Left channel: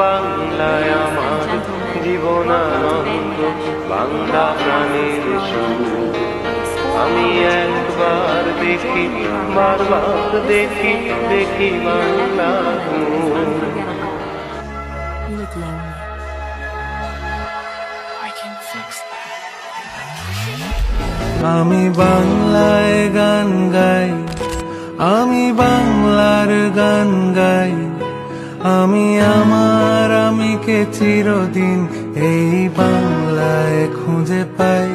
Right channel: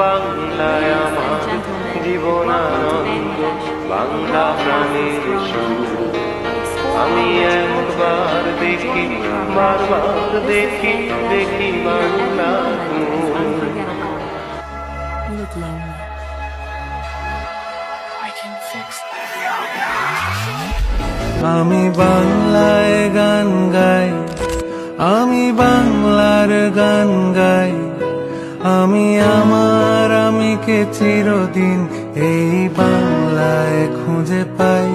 বাংলায় আমার জীবনানন্দ, বাংলা প্রাণের সুর। আমি একবার দেখি, বারবার দেখি, দেখি বাংলার নূর। You look lonely. আমি বাংলায় গান গাই, আমি বাংলার গান গাই, আমি আমার আমিকে চিরদিন এই বাংলায় খুঁজে পাই।